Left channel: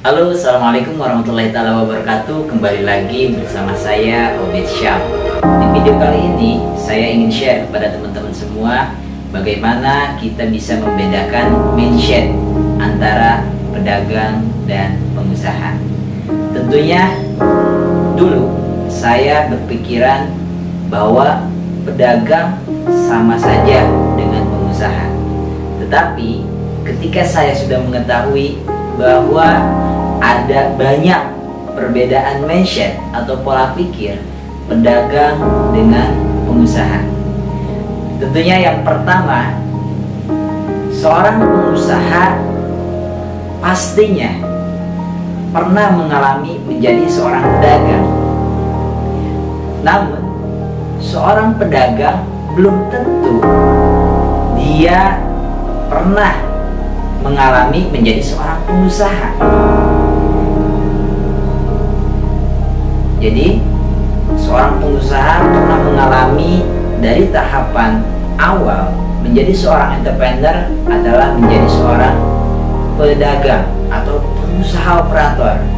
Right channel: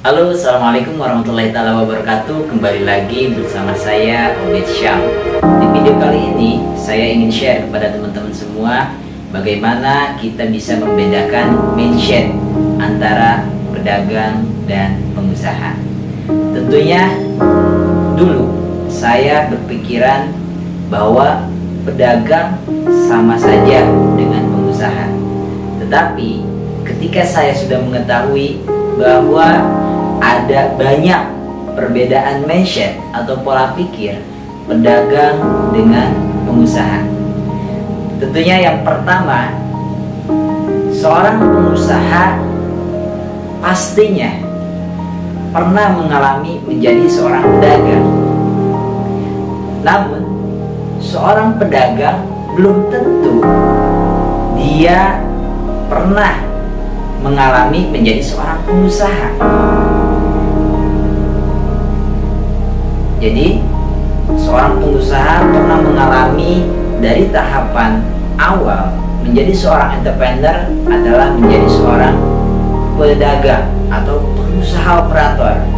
Halo, assalamualaikum warahmatullahi wabarakatuh. Kembali lagi bersama saya Obed Syam. Di video kali ini saya ingin share kepada teman-teman semua bagaimana kita bisa membedakan mindset antara pedagang dan pengusaha. Tentunya dulu saya berpikiran bahwa pedagang sama saja dengan pengusaha. Tetapi ketika saya sudah mengetahui bahwa ada banyak perbedaan mindset atau pola pikir pedagang dengan pengusaha. Tentunya yang pertama, seorang pengusaha pastinya pernah mengalami menjadi seorang pedagang. Namun, seorang pedagang belum tentu dia pernah mengalami menjadi seorang pengusaha. Jadi, seorang pengusaha pernah mengalami dari tahapan awal menjadi seorang entrepreneur adalah menjadi seorang pedagang atau pengusaha operator.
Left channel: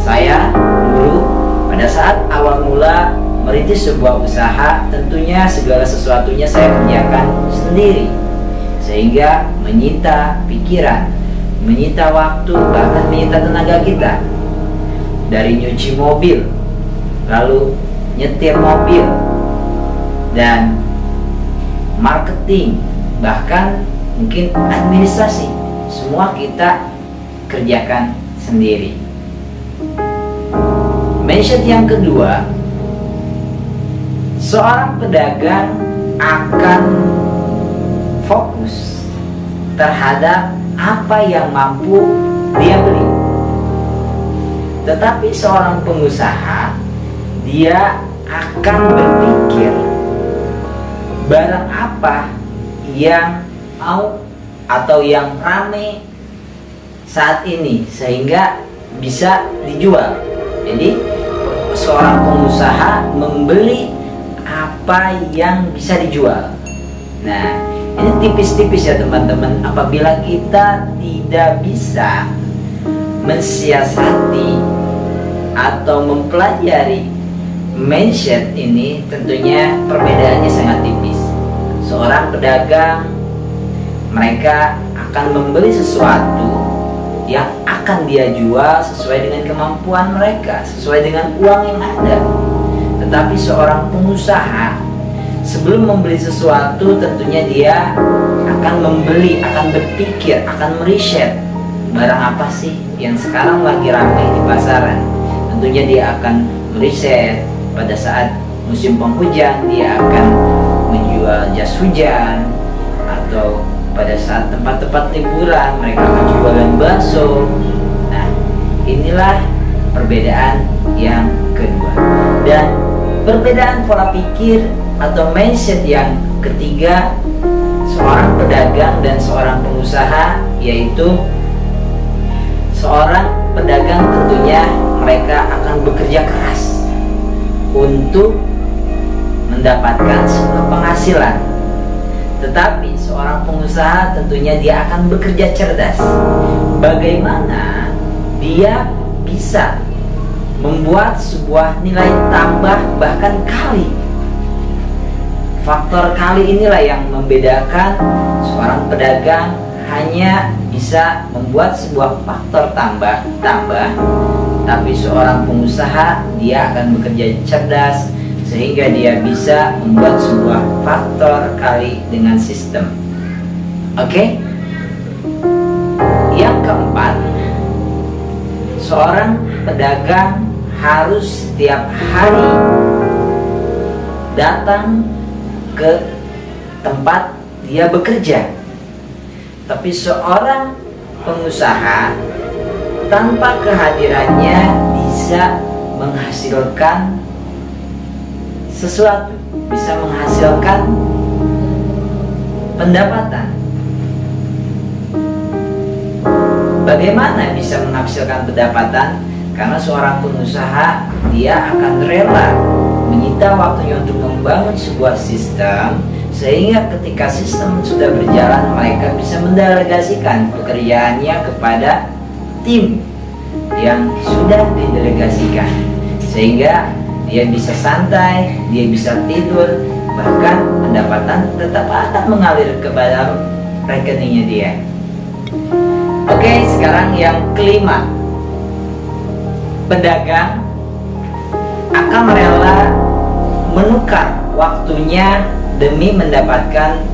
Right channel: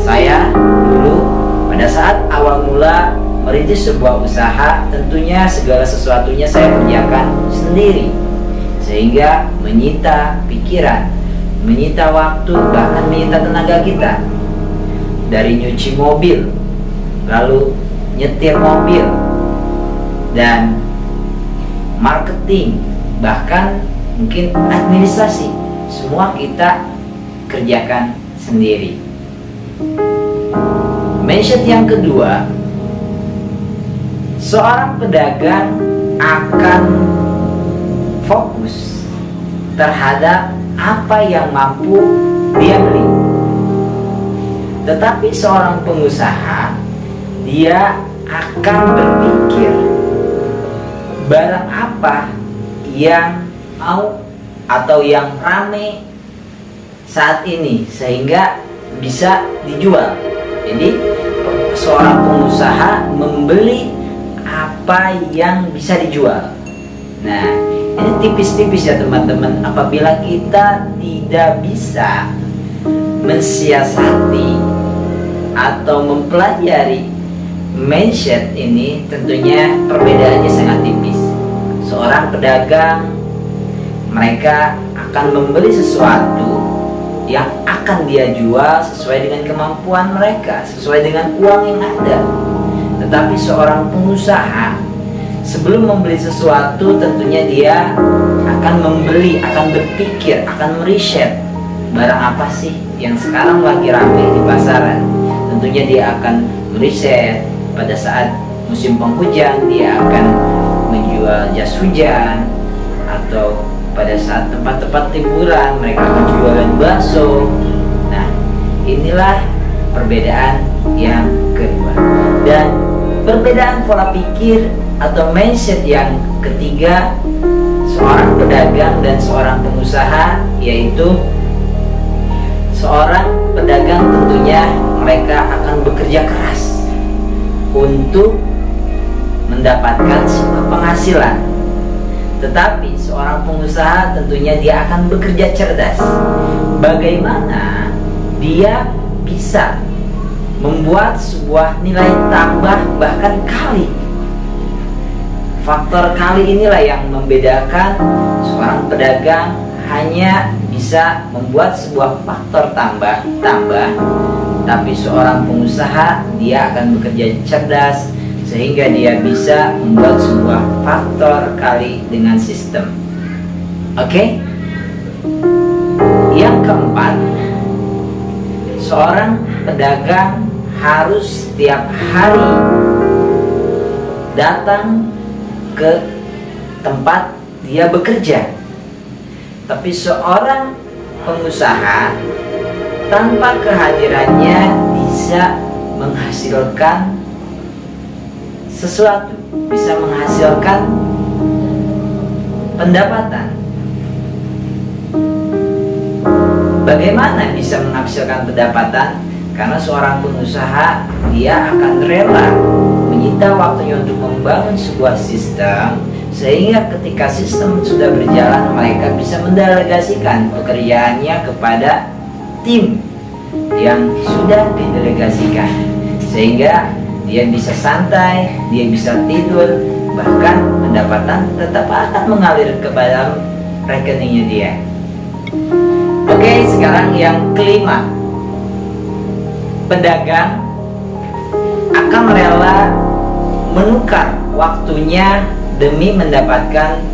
Saya dulu pada saat awal mula merintis sebuah usaha, tentunya segala sesuatunya saya kerjakan sendiri, sehingga menyita pikiran, menyita waktu, bahkan menyita tenaga kita. Dari nyuci mobil, lalu nyetir mobil, dan marketing, bahkan mungkin administrasi, semua kita kerjakan sendiri. Mindset yang kedua, seorang pedagang akan fokus terhadap apa yang mampu dia beli. Tetapi seorang pengusaha, dia akan berpikir barang apa yang mau atau yang rame saat ini sehingga bisa dijual. Jadi seorang pengusaha membeli apa yang bisa dijual. Nah, ini tipis-tipis ya teman-teman. Apabila kita tidak bisa mensiasati atau mempelajari mindset ini, tentunya perbedaannya sangat tipis. Seorang pedagang, mereka akan membeli sesuatu yang akan dia jual sesuai dengan kemampuan mereka, sesuai dengan uang yang ada. Tetapi seorang pengusaha, sebelum membeli sesuatu, tentunya dia akan membeli, akan berpikir, akan meriset barang apa sih yang sekarang lagi ramai di pasaran. Tentunya dia akan meriset pada saat musim penghujan, dia akan menjual jas hujan, atau pada saat tempat-tempat liburan mereka akan jualan bakso. Nah, inilah perbedaan yang kedua. Dan perbedaan pola pikir atau mindset yang ketiga seorang pedagang dan seorang pengusaha, yaitu seorang pedagang tentunya mereka akan bekerja keras untuk mendapatkan sebuah penghasilan. Tetapi seorang pengusaha tentunya dia akan bekerja cerdas. Bagaimana dia bisa membuat sebuah nilai tambah, bahkan kali. Faktor kali inilah yang membedakan seorang pedagang hanya bisa membuat sebuah faktor tambah, tapi seorang pengusaha dia akan bekerja cerdas sehingga dia bisa membuat sebuah faktor kali dengan sistem. Oke? Yang keempat, seorang pedagang harus setiap hari datang ke tempat dia bekerja. Tapi seorang pengusaha tanpa kehadirannya bisa menghasilkan sesuatu, bisa menghasilkan pendapatan. Bagaimana bisa menghasilkan pendapatan? Karena seorang pengusaha, dia akan rela menyita waktunya untuk membangun sebuah sistem, sehingga ketika sistem sudah berjalan, mereka bisa mendelegasikan pekerjaannya kepada tim yang sudah didelegasikan, sehingga dia bisa santai, dia bisa tidur, bahkan pendapatan tetap akan mengalir ke dalam rekeningnya dia. Oke, sekarang yang kelima, pedagang akan rela menukar waktunya demi mendapatkan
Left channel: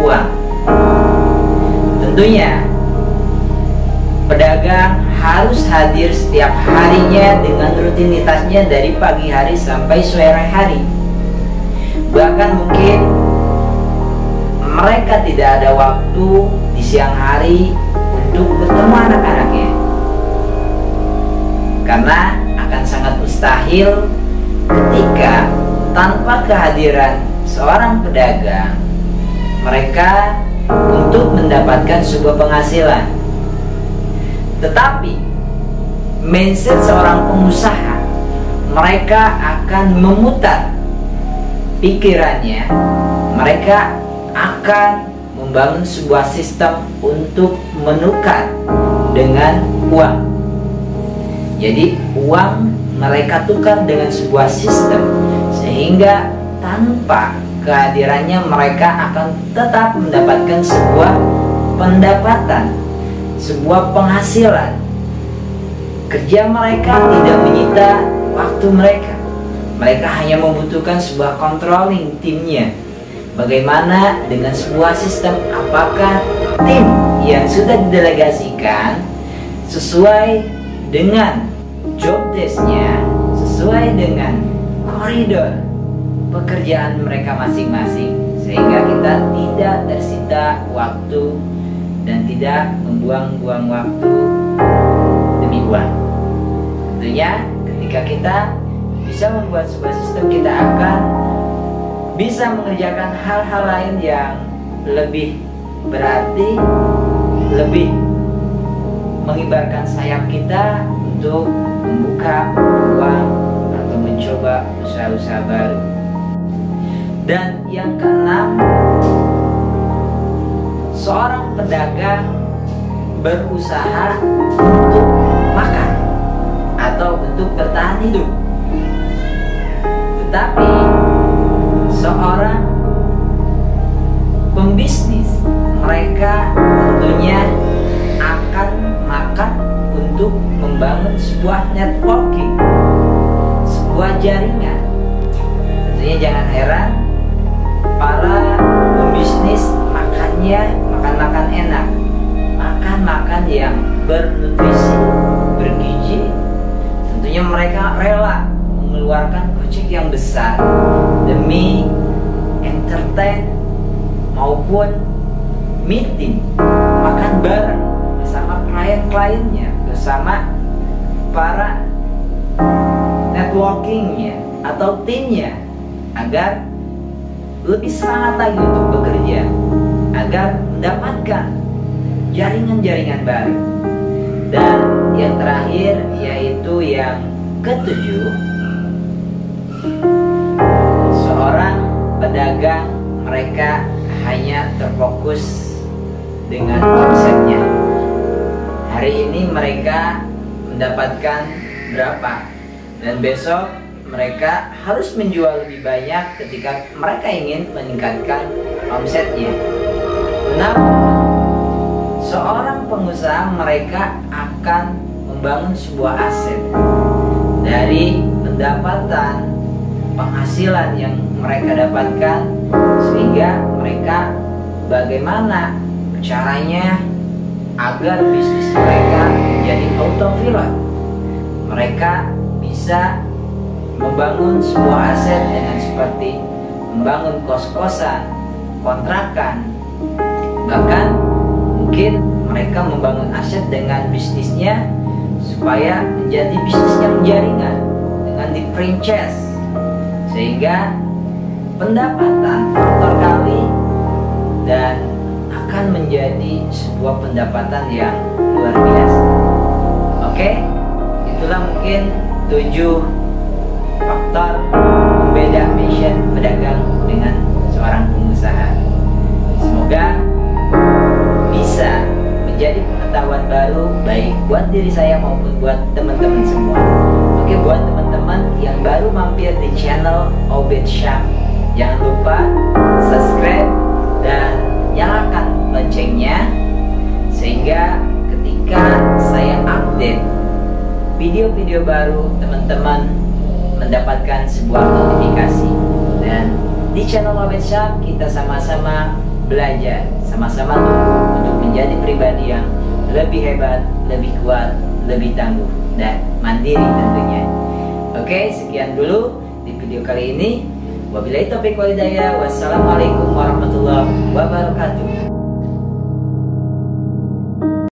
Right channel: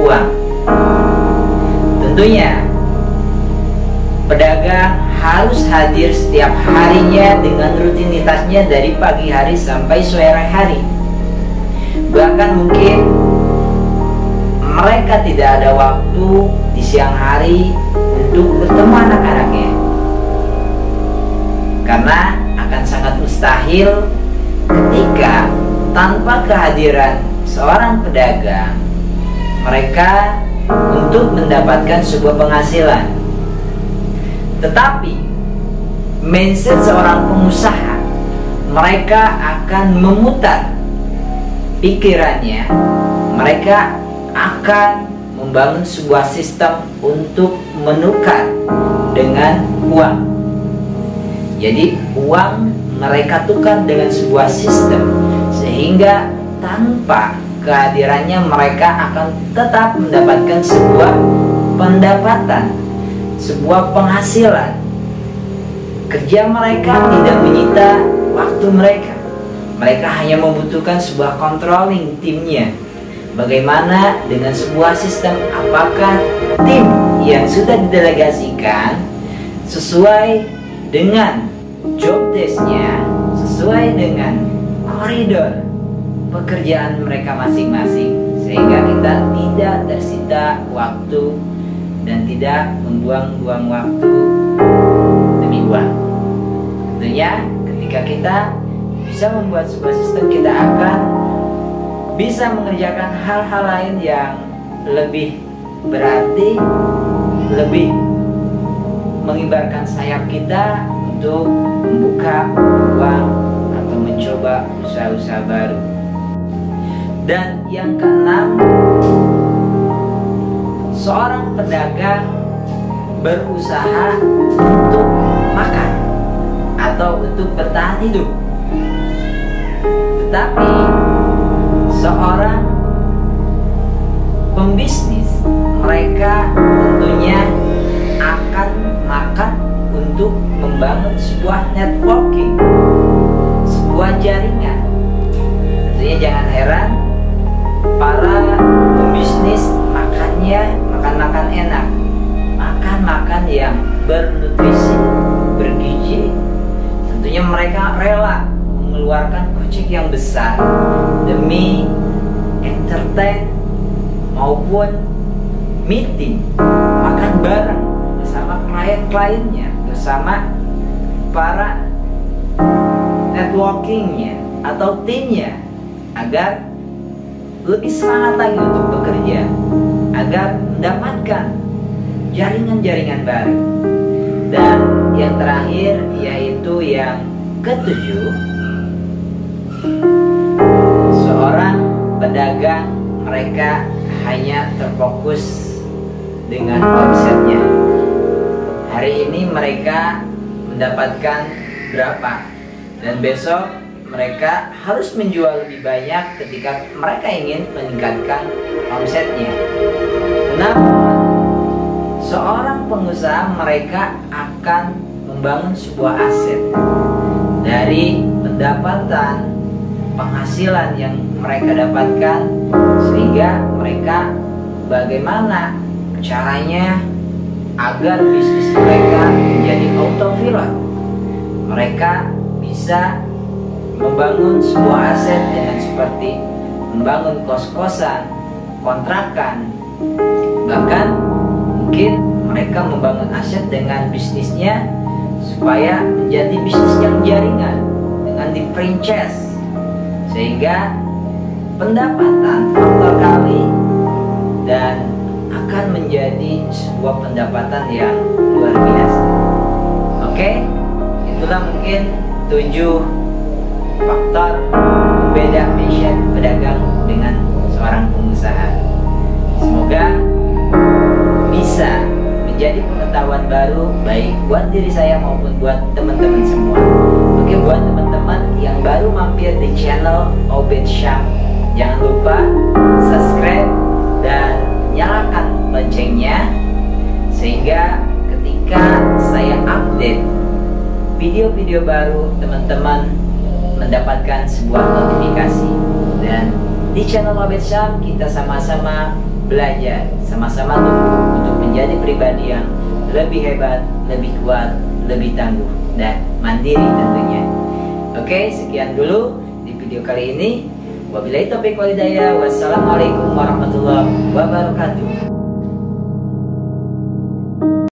uang. Tentunya pedagang harus hadir setiap harinya dengan rutinitasnya dari pagi hari sampai sore hari. Bahkan mungkin mereka tidak ada waktu di siang hari untuk bertemu anak-anaknya, karena akan sangat mustahil ketika tanpa kehadiran seorang pedagang mereka untuk mendapatkan sebuah penghasilan. Tetapi mindset seorang pengusaha, mereka akan memutar pikirannya, mereka akan membangun sebuah sistem untuk menukar dengan uang. Jadi uang mereka tukar dengan sebuah sistem, sehingga tanpa kehadirannya mereka akan tetap mendapatkan sebuah pendapatan, sebuah penghasilan. Kerja mereka tidak menyita waktu mereka. Mereka hanya membutuhkan sebuah controlling timnya. Bagaimana dengan sebuah sistem? Apakah tim yang sudah didelegasikan sesuai dengan job desk-nya, sesuai dengan koridor pekerjaan mereka masing-masing, sehingga kita tidak tersita waktu dan tidak membuang-buang waktu demi uang. Tentunya ketika kita bisa membuat sebuah sistem, kita akan bisa mengerjakan hal-hal lain yang lebih berarti, lebih mengibarkan sayap kita untuk membuka peluang atau mencoba usaha-usaha baru. Dan yang keenam, seorang pedagang berusaha untuk makan atau untuk bertahan hidup. Tetapi seorang pembisnis, mereka tentunya akan makan untuk membangun sebuah networking, sebuah jaringan. Tentunya jangan heran para pembisnis makannya makan-makan enak, makan-makan yang bernutrisi, bergizi. Tentunya mereka rela mengeluarkan kocek yang besar demi entertain maupun meeting, makan bareng bersama klien-kliennya, bersama para networkingnya atau timnya, agar lebih semangat lagi untuk bekerja, agar mendapatkan jaringan-jaringan baru. Dan yang terakhir, yaitu yang ketujuh, seorang pedagang, mereka hanya terfokus dengan omsetnya. Hari ini mereka mendapatkan berapa, dan besok mereka harus menjual lebih banyak ketika mereka ingin meningkatkan omsetnya. Namun seorang pengusaha, mereka akan membangun sebuah aset dari pendapatan, penghasilan yang mereka dapatkan, sehingga mereka bagaimana caranya agar bisnis mereka menjadi autopilot. Mereka bisa membangun sebuah aset dengan seperti membangun kos-kosan, kontrakan, bahkan mungkin mereka membangun aset dengan bisnisnya supaya menjadi bisnis yang jaringan dengan di franchise, sehingga pendapatan faktor kali dan akan menjadi sebuah pendapatan yang luar biasa. Oke, itulah mungkin 7 faktor pembeda mindset pedagang dengan seorang pengusaha. Semoga bisa menjadi pengetahuan baru baik buat diri saya maupun buat teman-teman semua. Oke, buat teman-teman yang baru mampir di channel Obed Syam, jangan lupa subscribe dan nyalakan loncengnya, sehingga ketika saya update video-video baru, teman-teman mendapatkan sebuah notifikasi. Dan di channel Obed Syam kita sama-sama belajar, sama-sama tumbuh untuk menjadi pribadi yang lebih hebat, lebih kuat, lebih tangguh, dan mandiri tentunya. Oke, sekian dulu di video kali ini. Wabillahi taufiq wal hidayah. Wassalamualaikum warahmatullahi wabarakatuh.